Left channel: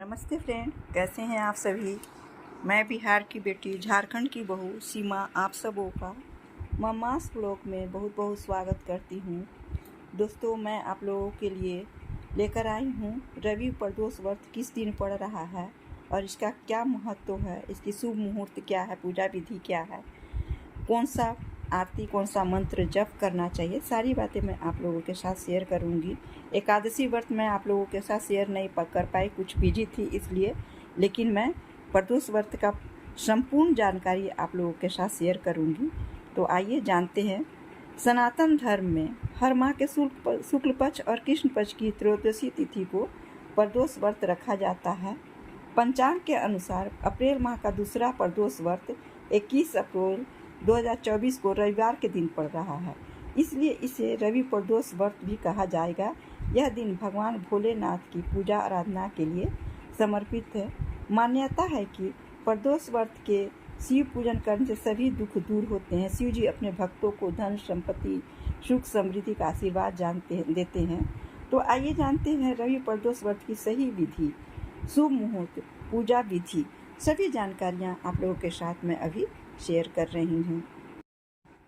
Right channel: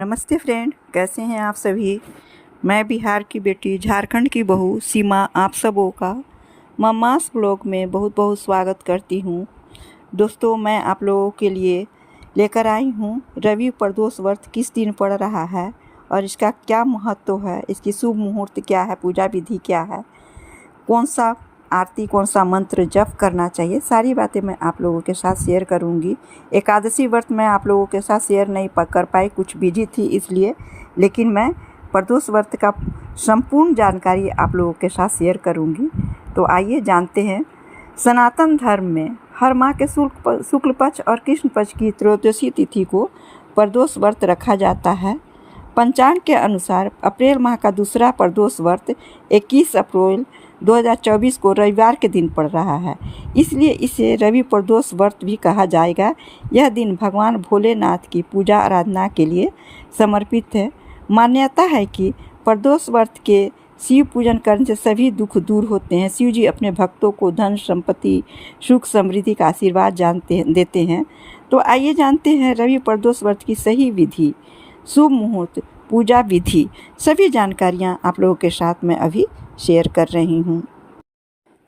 नमस्ते फ्रेंड, कैसे हैं आप सभी। मैं बिहार की बेटी, झारखंड की बहू सीमा आप सबों का मम्मास ब्लॉग में बहुत बहुत स्वागत करती हूँ। दोस्तों, मैं आप लोगों के लिए लेकर आई हूँ रवि प्रदोष व्रत किस दिन पड़ रहा है और इसका क्या महत्व है, इसकी शुभ मुहूर्त क्या है, पूजा विधि क्या है, कौन सा आरती, कौन सा मंत्र जप करना चाहिए, सारी बातें मैं आप लोगों के साथ शेयर करूंगी। एकादशी व्रत मैं आप लोगों के साथ शेयर नहीं कर पाई, कुछ बिजी थी इसलिए, लेकिन मैं प्रदोष व्रत का संपूर्ण जानकारी आप लोगों के साथ शेयर करूंगी। तो आइए जानते हैं। सनातन धर्म में हर माह के शुक्ल पक्ष और कृष्ण पक्ष की त्रयोदशी तिथि को प्रदोष व्रत रखा जाता है। पंचांग के अनुसार अप्रैल माह का दूसरा प्रदोष व्रत 21 अप्रैल 2024 को रविवार के दिन पड़ रहा है, इसलिए इसे रवि प्रदोष व्रत भी कहा जाएगा। यह दिन भगवान भोलेनाथ की पूजा आराधना के लिए समर्पित है। मान्यता है कि प्रदोष व्रत के शिव पूजन करने से सभी दुख दूर होते हैं। शिव जी अपने भक्तों को धन संपत्ति, सुख समृद्धि का आशीर्वाद देते हैं। तो आइए जानते हैं रवि प्रदोष व्रत की सही विधि, शुभ मुहूर्त, पूजा विधि, सभी जानकारियाँ आप लोगों के साथ मैं अभी शेयर कर रही हूँ।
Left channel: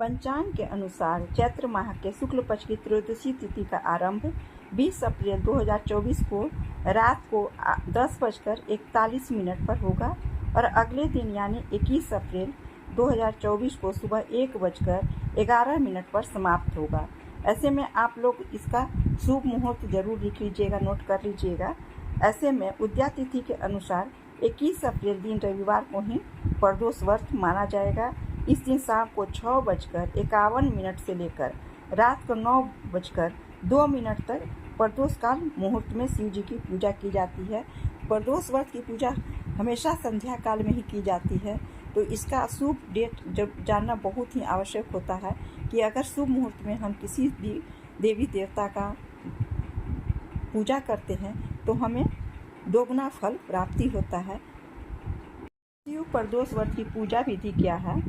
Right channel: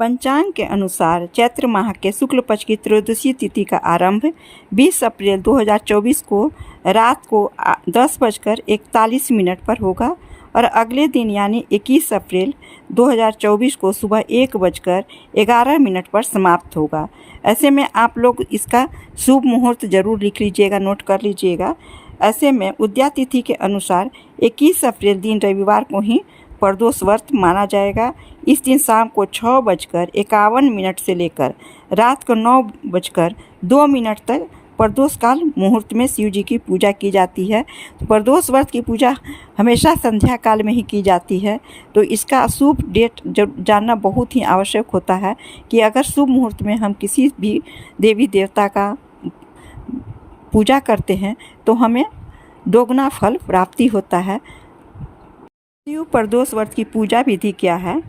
पंचांग के अनुसार चैत्र माह के शुक्ल पक्ष की त्रयोदशी तिथि का आरंभ 20 अप्रैल 2024 को रात को 10:41 पर होगा और अगले दिन यानी 21 अप्रैल 2024 को सुबह 1:11 पर समाप्त होगा। ऐसे में आप लोग इसका शुभ मुहूर्त जरूर लिख लीजिएगा, नोट कर लीजिएगा। ऐसे में उदया तिथि के अनुसार 21 अप्रैल दिन रविवार को ही प्रदोष व्रत माना जाएगा। इस दिन शाम को 6:51 से लेकर रात को 9:02 तक प्रदोष काल मुहूर्त में शिव जी की पूजा की जाती है। प्रदोष व्रत की पूजा हमेशा संध्या काल में ही की जाती है। तो इसका शुभ डेट जानना बहुत ही आवश्यक होता है कि अगर शुभ मुहूर्त में हम किसी भी देवी देवता का पूजा करते हैं तो हमें दोगुना फल प्राप्ति होता है। शिव प्रदोष व्रत की पूजा विधि क्या है,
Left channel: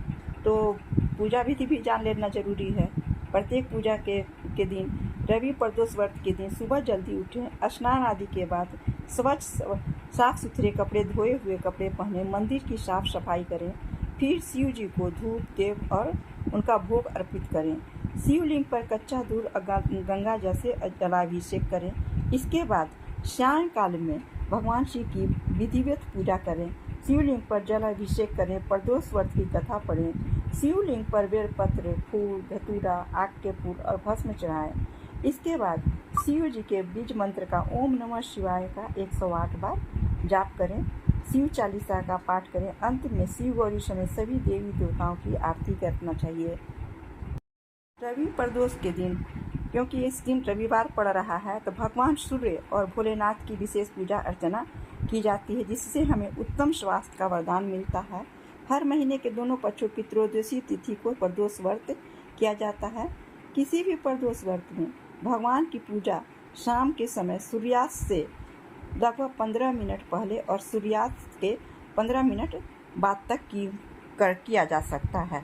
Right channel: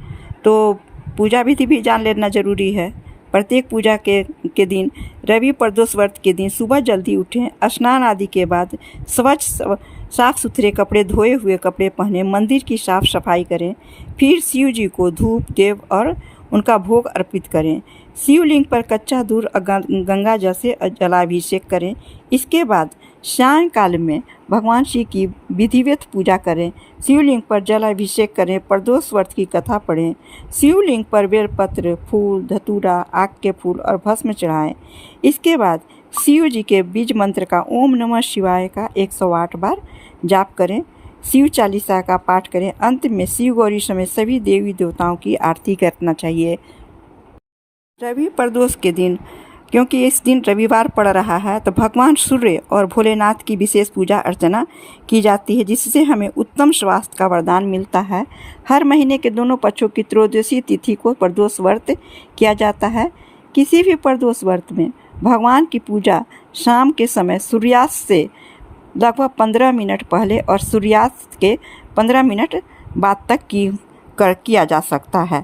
तो पूजा विधि भी जान लेना जरूरी है। प्रत्येक पूजा के दिन रवि प्रदोष व्रत के दिन सुबह जल्दी उठें, स्नान आदि के बाद स्वच्छ साफ सुथरे कपड़े, धोए हुए कपड़े पहने, मंदिर की साफ सफाई करें। फिर शिव जी को धूप देव और उनका भोग अर्पित करें। शिवलिंग पर कच्चा दूध गंगा जल से जलाभिषेक करें। इसके बाद सायंकाल में भगवान शिव की विधिवत पूजा करें। शिवलिंग पर जलाभिषेक करें, प्रदोष व्रत की कथा पढ़ें। शिवलिंग पर बेलपत्र, फूल, धतूरा, आक के फूल और भस्म चढ़ाएं। इसके बाद शिव जी के बीज मंत्र का ओम नमः शिवाय का 108 बार जाप करें। शिव चालीसा का पाठ करें। अंत में शिव गौरी समेत सभी देवी देवताओं की आरती करना चाहिए। रवि प्रदोष के दिन, क्योंकि इस दिन रविवार पड़ रहा है, तो भगवान सूर्य और भोलेनाथ की विशेष पूजा अर्चना की जाती है, जिससे हमें उत्तम स्वास्थ्य का वरदान मिलता है। हर महीने के दोनों पक्षों की त्रयोदशी तिथि को प्रदोष व्रत किया जाता है। किसी भी प्रदोष व्रत में भगवान की पूजा शाम के समय सूर्यास्त से लगभग 15 मिनट पहले और सूर्यास्त के 15 मिनट बाद तक किया जा सकता है।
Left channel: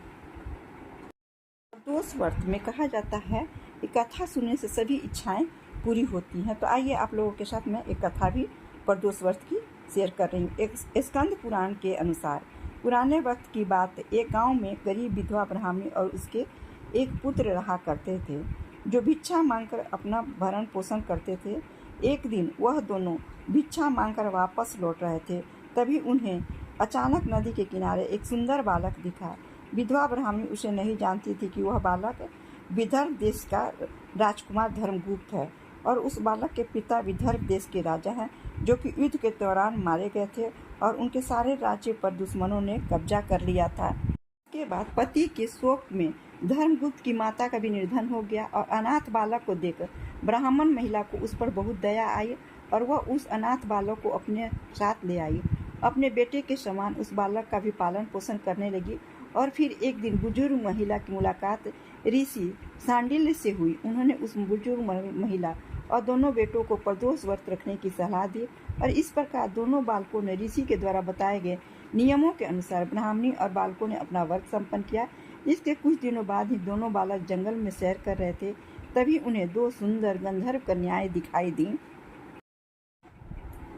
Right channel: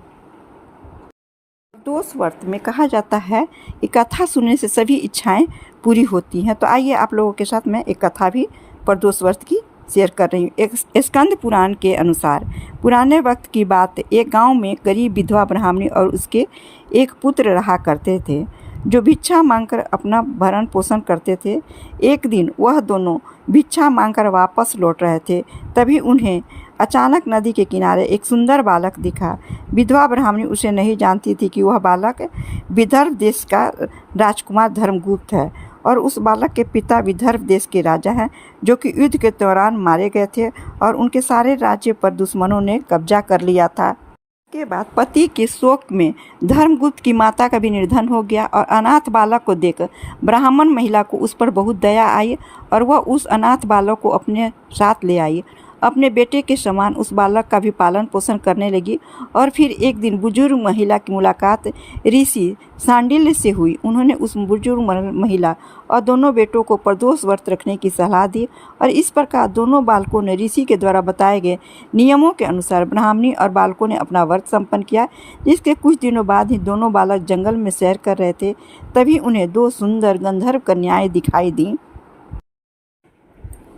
प्रदोष व्रत में कहा जाता है कि कथा सुनने से सभी इच्छाएं पूरी होती हैं। तो आइए आप लोगों के साथ मैं एक कथा भी प्रदोष व्रत की शेयर कर रही हूँ। एक स्कंद पुराण के अनुसार पुराने वक्त की बात, एक गांव में गरीब विधवा ब्राह्मणी और उसके एक पुत्र रहा करते थे, जो भिक्षा मांगकर अपना भरण पोषण करते थे। एक दिन वह दोनों भिक्षा मांगकर वापस लौट रहे थे, तभी उन्हें अचानक नदी के किनारे एक सुंदर बालक दिखा। विधवा ब्राह्मणी उसे नहीं जानती थी कि वह बालक विदर्भ देश का राजकुमार धर्मगुप्त है और उस बालक के पिता विदर्भ देश के राजा हैं, जो कि युद्ध के दौरान मारे गए थे और उनके सारे राज्य पर दुश्मनों ने कब्जा कर लिया था। के बाद पति के शोक में धर्मगुप्त की माता का भी निधन हो गया और अनाथ बालक को देख ब्राह्मण महिला को उस पर बहुत दया आई और वह उस अनाथ बालक को अपने साथ ले आई। अपने बेटे के समान उस बालक का भी पालन पोषण करने लगी। और फिर एक दिन बुजुर्ग महिला की मुलाकात ऋषि सांडिल्य से हुई। उन्होंने उस बुजुर्ग महिला और दोनों बेटों को प्रदोष व्रत रखने की सलाह दी और इस प्रकार दोनों बालकों ने ऋषि के द्वारा बताए गए नियमों के अनुसार ब्राह्मणी और बालकों ने अपना व्रत संपन्न किया। जिसके कुछ दिनों बाद ही दोनों बालक जंगल में सैर कर रहे थे, तभी उन्हें दो सुंदर गंधर्व कन्याएं दिखाई दी,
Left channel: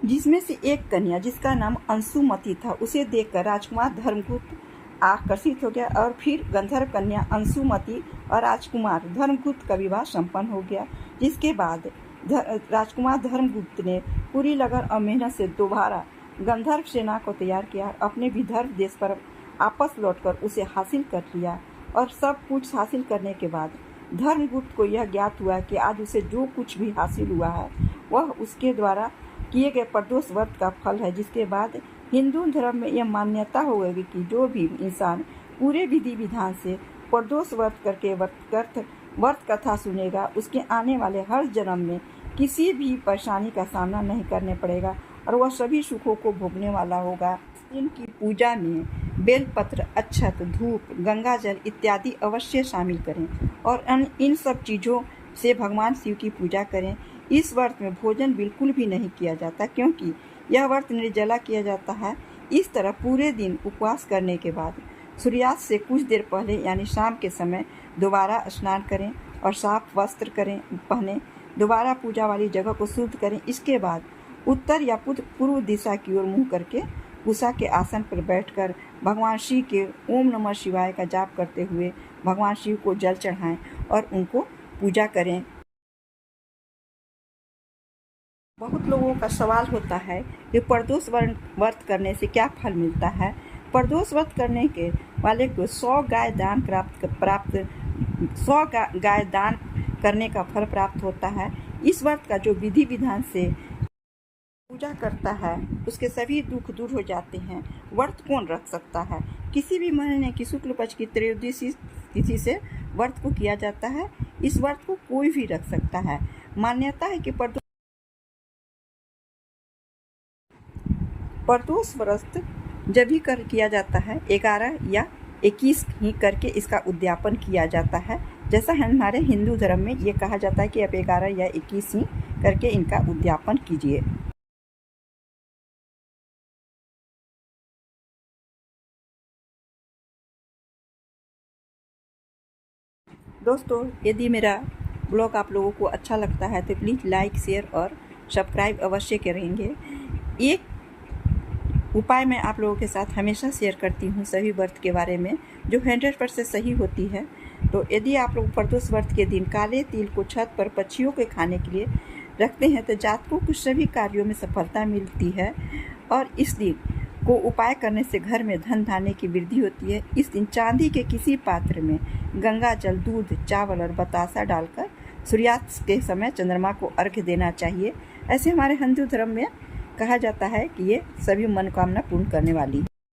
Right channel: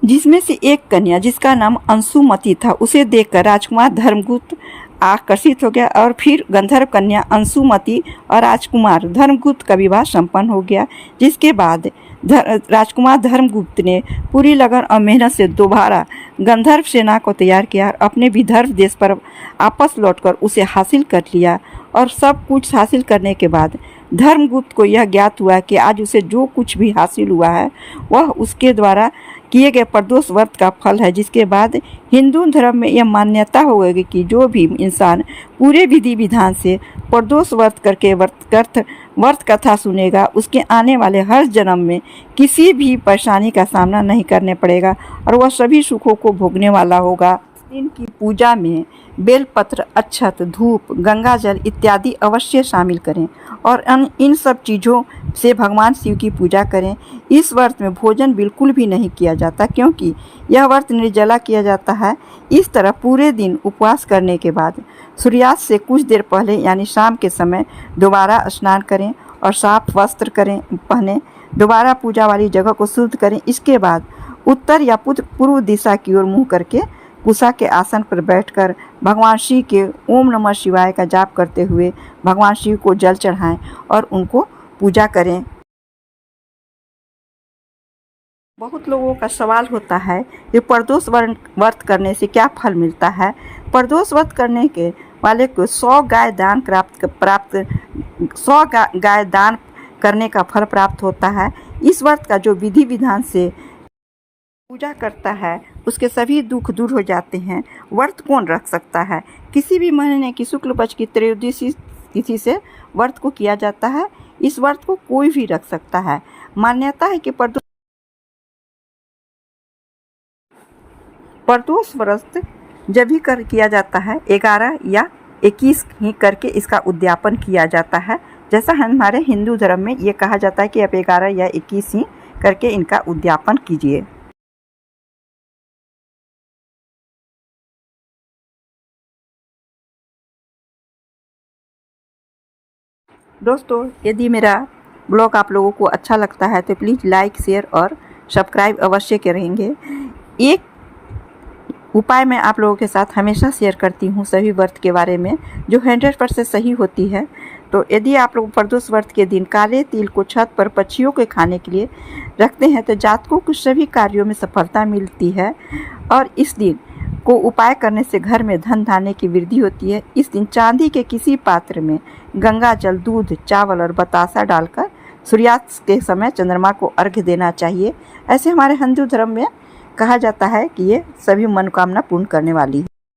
जिसमें से एक कन्या जिसका नाम अंशुमती था, उसे देखकर राजकुमार धर्मगुप्त आकर्षित हो गया और फिर गंधर्व कन्या अंशुमती और राजकुमार धर्मगुप्त का विवाह संपन्न हो गया। जिसके बाद राजकुमार धर्मगुप्त ने पूरी लगन और मेहनत से दोबारा गंधर्व सेना को तैयार किया और अपने विदर्भ देश पर वापस लौटकर उसे हासिल कर लिया। और सब कुछ हासिल करने के बाद धर्मगुप्त को यह ज्ञात हुआ कि आज उसे जो कुछ भी हासिल हुआ है वह उसके द्वारा किए गए प्रदोष व्रत का फल है। जिसके बाद हिंदू धर्म में यह मान्यता हो गई कि जो भी इंसान पूरे विधि विधान से प्रदोष व्रत करके व्रत कथा सुनेगा, उसके आने वाले हर जन्म में किसी भी परेशानी का सामना नहीं करने पड़ेगा और वह सभी सुखों को भोगने वाला होगा। दिन की पूजा में बेलपत्र, अक्षत, धूप, गंगाजल इत्यादि अवश्य शामिल करें और इन सब चीज़ों से भगवान शिव की पूजा करें। इस व्रत में भोजन बिल्कुल भी नहीं किया जाता क्योंकि यह व्रत निर्जला किया जाता है। इस तरह पूरे दिन उपवास करने के बाद सूर्यास्त से कुछ देर पहले यानी शाम के समय दोबारा स्नान करें और साफ वस्त्र पहने, दोबारा पूजा वाली जगह को शुद्ध करें। इसके बाद उत्तर या पूर्व दिशा की ओर मुँह करके कुशा के आसन पर बैठकर भगवान शिव के ओम नमः शिवाय का जाप करते हुए भगवान शिव को जल चढ़ाएं और उनको पूजा करें। बहुत लोगों का सवाल होता है कि प्रदोष व्रत करने से क्या फल मिलता है। प्रदोष व्रत करने के वाले को 100 गाय दान करने का फल प्राप्त होता है। इस व्रत का जो विधि विधान से पूजा करता है उसके सभी दुख दूर हो जाते हैं। व्रत कौन रख सकता है? किसी भी महीने की शुक्ल पक्ष की त्रयोदशी तिथि से व्रत को किया जाता है। इस व्रत को कोई भी रख सकता है। मान्यता है कि प्रदोष व्रत जब भी किया जाता है 11 या 21 ही करके इसका उद्यापन किया जाता है। जैसा हमारे हिंदू धर्म में ये कहा जाता है कि आप 11 या 21 ही करके इनका उद्यापन कीजिए। दोस्तों, यदि मेरा ब्लॉग आप लोगों को अच्छा लगता है तो प्लीज़ लाइक, शेयर और सब्सक्राइब अवश्य करेंगे। एक उपाय मैं आप लोगों के साथ हमेशा शेयर करती हूँ सभी व्रत के बारे में, जो 100% सही होती है। तो यदि आप लोग प्रदोष व्रत के दिन काले तिल को छत पर पक्षियों के खाने के लिए रखते हैं तो जातकों को सभी कार्यों में सफलता मिलती है और इस दिन को उपाय करने से घर में धन धान्य की वृद्धि होती है। इस दिन चांदी के किसी पात्र में गंगा जल, दूध, चावल और बतासा डालकर सूर्यास्त के समय चंद्रमा को अर्घ्य देना चाहिए। ऐसे हमारे हिंदू धर्म में कहा जाता है कि ये सभी मनोकामना पूर्ण करने वाली है।